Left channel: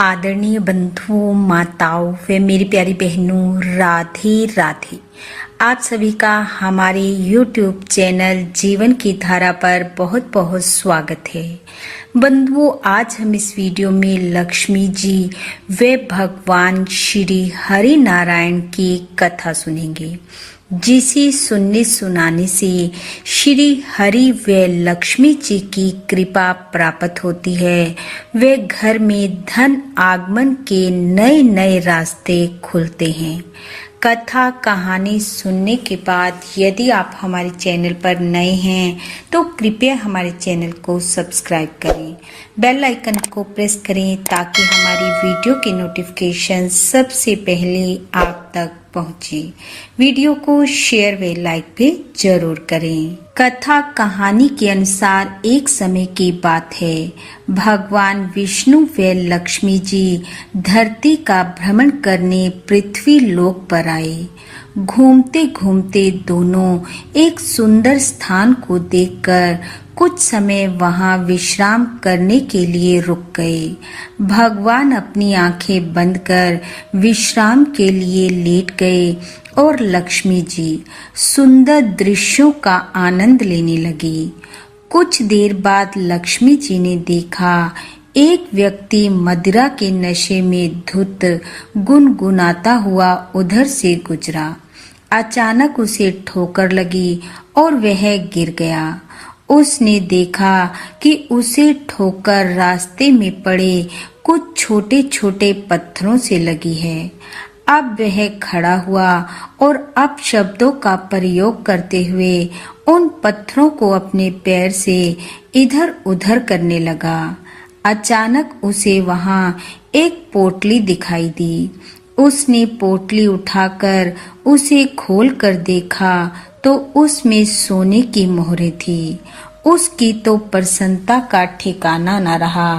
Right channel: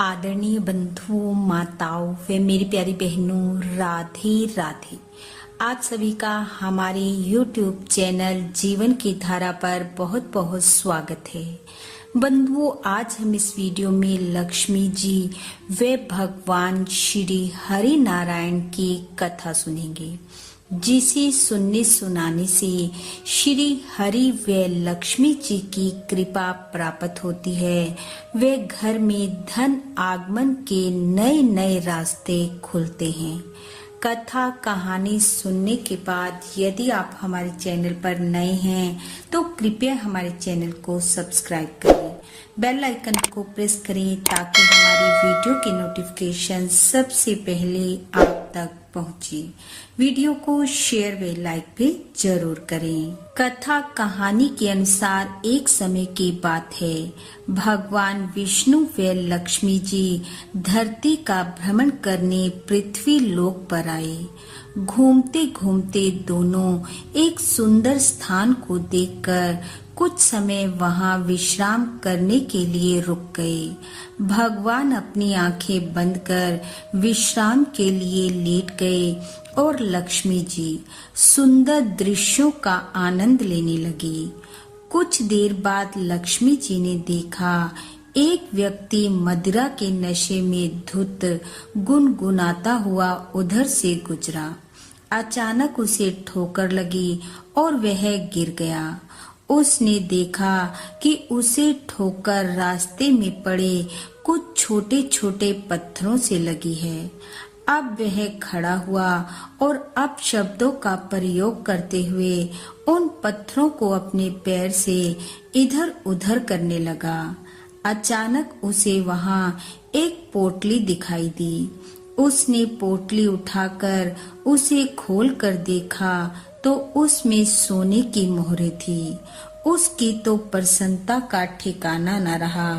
आदरणीय बंधुओं, माताओं व मेरी प्यारी बहनों, राधे राधे। आप सभी का हमारे YouTube चैनल जीवन की धारा पर बहुत बहुत स्वागत है। बंधुओं, आज हम इस वीडियो में लक्ष्मी जी व भगवान श्री हरि नारायण की कथा सुनेंगे, जिसे सुनने सुनाने से श्री हरि व लक्ष्मी जी की कृपा प्राप्त होती है व घर में धन आगमन के नए नए रास्ते खुलते हैं। कथा कहानी सुनने के बाद यदि आप हमारे चैनल पर नए हैं तो कृपया हमारे चैनल को सब्सक्राइब करें, बेल आइकन को प्रेस करें ताकि हमारी वीडियो की नोटिफिकेशन सबसे पहले आप तक पहुंचे। वीडियो को शेयर व लाइक भी जरूर करें। कथा कहानी के अनुसार एक समय की बात है, भगवान विष्णु व लक्ष्मी जी धरती का भ्रमण करने पृथ्वी लोक पर आए। घूमते घूमते दोनों एक सुंदर स्थान को देखकर कुछ समय वहां विश्राम करने के लिए रुक गए। भगवान अपनी आंखें बंद कर विश्राम के लिए लेट गए और लक्ष्मी जी सुंदर दृश्यों का आनंद लेने लगी। कुछ देर बाद लक्ष्मी जी ने देखा एक व्यक्ति मदिरा के नशे में धुत गुनगुनाता हुआ उधर से गुजरा। अचानक उसे ठोकर लगी और वह गिर गया। उसने देखा कि उसे ठोकर रास्ते में पड़े कुछ छोटे छोटे पत्थरों से लगी है। अब वह खड़ा हुआ और अपशब्दों का प्रयोग करते हुए उन पत्थरों को अपने पैर से इधर उधर करने लगा। अचानक उसे वहां एक पोटली दिखाई दी। उसने पोटली उठाकर उसे खोलकर देखा तो उसमें सोने की मोहरें थी। उसकी तो प्रसन्नता का ठिकाना न रहा।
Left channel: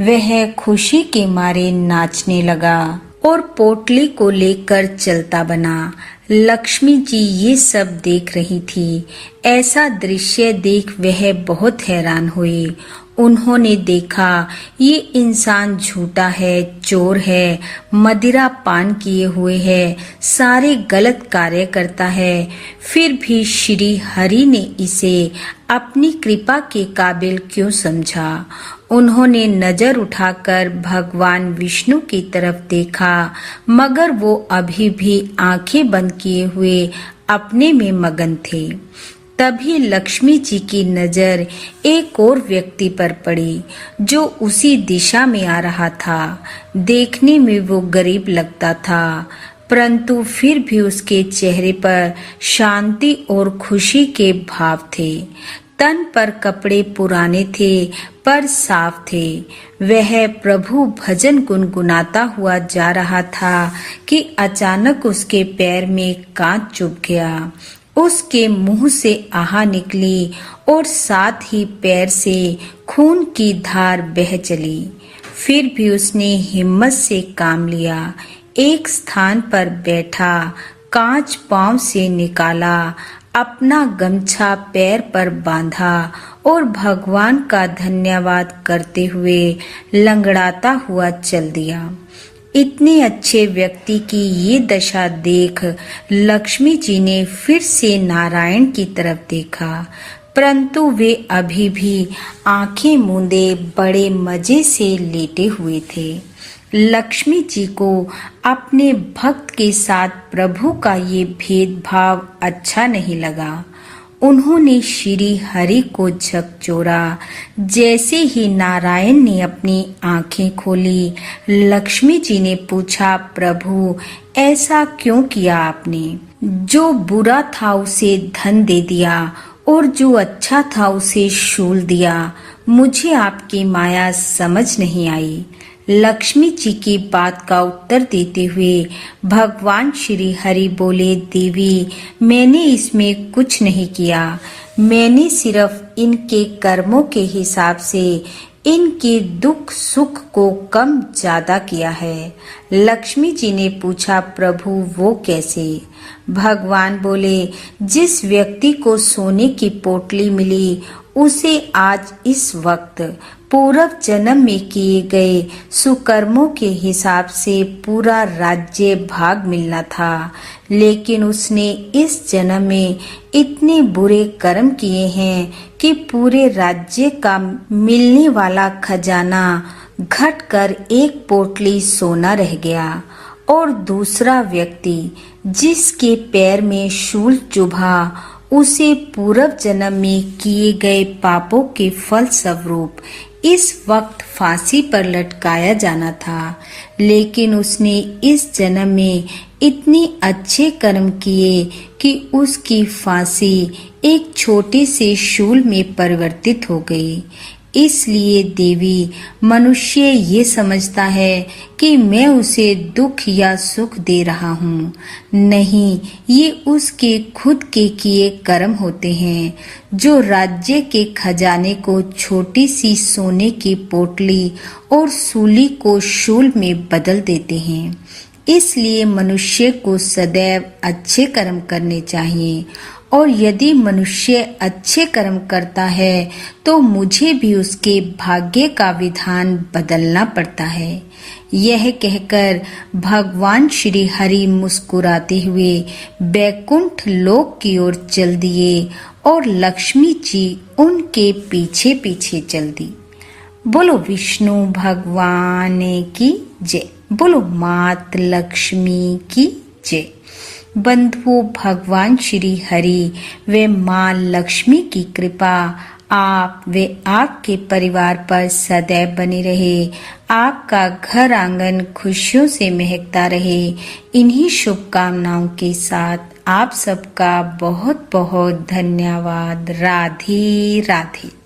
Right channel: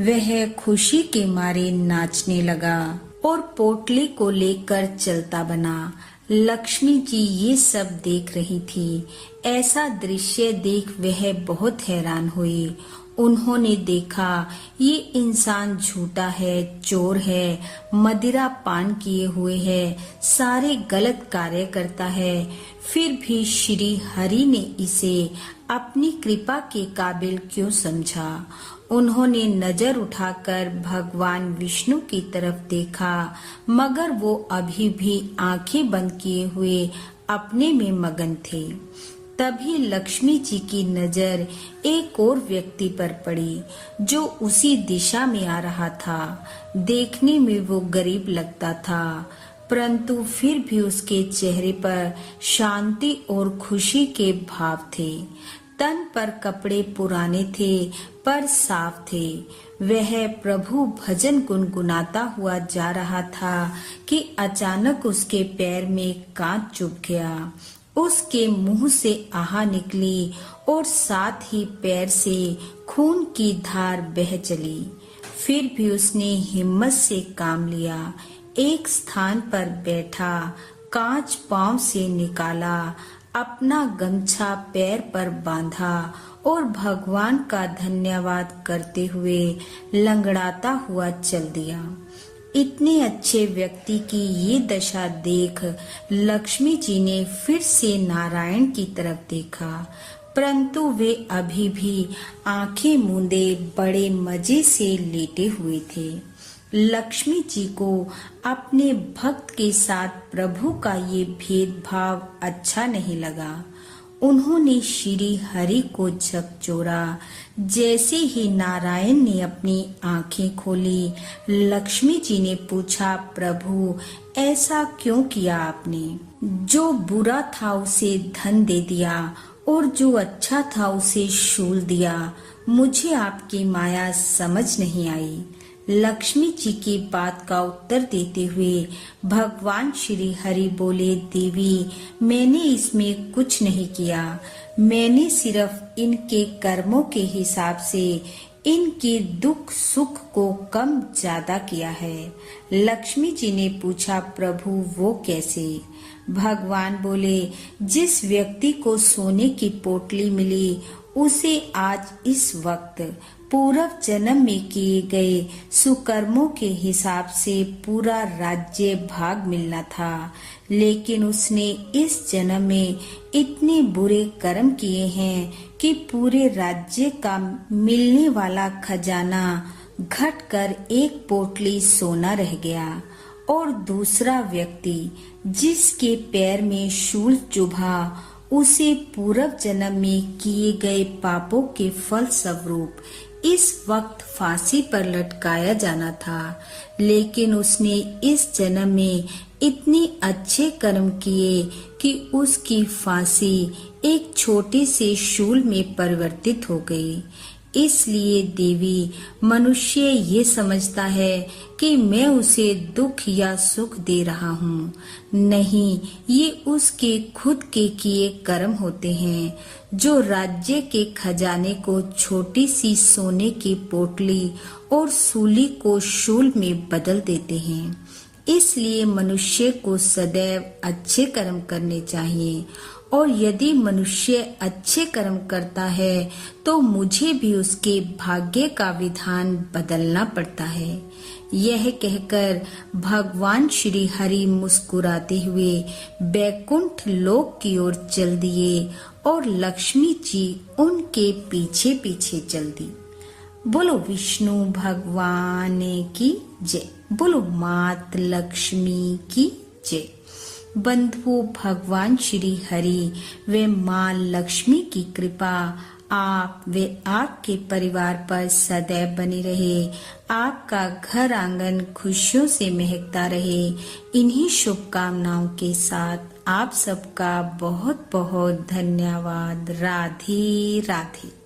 वह खुशी के मारे नाचने लगा और पोटली को लेकर चलता बना। लक्ष्मी जी ये सब देख रही थी। ऐसा दृश्य देख वह बहुत हैरान हुई। उन्होंने देखा ये इंसान झूठा है, चोर है, मदिरा पान किए हुए है, सारे गलत कार्य करता है, फिर भी श्री हरि ने इसे अपनी कृपा के काबिल क्यों समझा। उन्होंने नजर उठाकर भगवान विष्णु की तरफ देखा, मगर वो अभी भी आंखें बंद किए हुए अपने में मगन थे। तभी लक्ष्मी जी की नजर एक और व्यक्ति पर पड़ी जो उसी दिशा में आ रहा था। देखने में वो गरीब लगता था, परंतु फिर भी उसके चेहरे पर शांति और खुशी के भाव थे। तन पर कपड़े पुराने थे पर साफ थे। वह प्रभु भजन गुनगुनाता हुआ जा रहा था कि अचानक उसके पैर में कांच चुभ गया। उसके मुंह से आह निकली और साथ ही पैर से खून की धार बह चली। फिर भी उसने हिम्मत से काम लिया। एक स्थान पर बैठा, कांच पांव से निकाला, अपना गमछा पैर पर बांधा और भगवान का धन्यवाद करते हुए लंगड़ाता हुआ चल दिया। इतने अच्छे व्यक्ति की ये दशा देख लक्ष्मी जी ने फिर से नारायण की तरफ देखा, परंतु वे अभी भी आंखें मूंदे बड़े मजे से लेटे हुए थे। लक्ष्मी जी को अपने भक्त के साथ प्रभु का ये भेदभाव अच्छा नहीं लगा। उन्होंने श्री हरि को झकझोरा। जैसे ही नारायण ने अपनी आंखें खोली, लक्ष्मी जी ने पूछा, प्रभु ऐसा क्यों किया आपने? जो बुरा था उसे धन दे दिया और जो अच्छा था उसे शूल दिया। मुझे आपकी माया समझ नहीं आई। लक्ष्मी जी की बात का उत्तर देते हुए भगवान श्री हरि बोले, देवी मैंने इसमें कुछ नहीं किया। मैंने सिर्फ इनके कर्मों के हिसाब से इनके दुख सुख को कम ज्यादा किया है। लक्ष्मी जी ने पूछा, प्रभु वो कैसे? भगवान बोले, जिस व्यक्ति को सोने की पोटली मिली उसे आज इस वक्त पूर्व जन्म में किए गए सुकर्मों के हिसाब से पूरा राज्य भाग मिलना था, लेकिन उसने इस जन्म में इतने बुरे कर्म किए हैं कि पूरे राज्य का मिलने वाला खजाना घटकर एक पोटली सोना रह गया। और दूसरा व्यक्ति जिसके पैर में शूल चुभा, उसे पूर्व जन्म में किए गए पापों के फल स्वरूप इस वक्त फांसी पर लटकाया जाना था, लेकिन उसने इस जन्म में इतने अच्छे कर्म किए कि उसकी फांसी एक छोटे से शूल में परिवर्तित हो गई। इसलिए देवी मनुष्य ये समझता है कि मैं उसे दुख या सुख दे रहा हूँ। नहीं, ये उसके खुद के किए कर्म होते हैं जो राज्य के खजाने को छोटी सी सोने की पोटली और सूली को शूल में बदल देते हैं। इसलिए मनुष्य को सदैव अच्छे कर्म करने चाहिए, और यदि मनुष्य अच्छे कर्म करता है तो मुझे भी उसके भाग्य का विधान बदलना पड़ता है। यह कहकर भगवान श्री हरि मुस्कुराते हुए बैकुंठ लोक की ओर चल दिए और लक्ष्मी जी उनके पीछे पीछे चल दी। बोलो विष्णु भगवान की जय। बोलो मात लक्ष्मी की जय। बंधुओं, भगवान श्री हरि व माँ लक्ष्मी की कृपा आप व आपके परिवार पर सदैव बनी रहे। आपका घर आंगन खुशियों से महकता रहे। इन्हीं शुभकामनाओं के साथ आप सबका बहुत बहुत धन्यवाद। राधे राधे।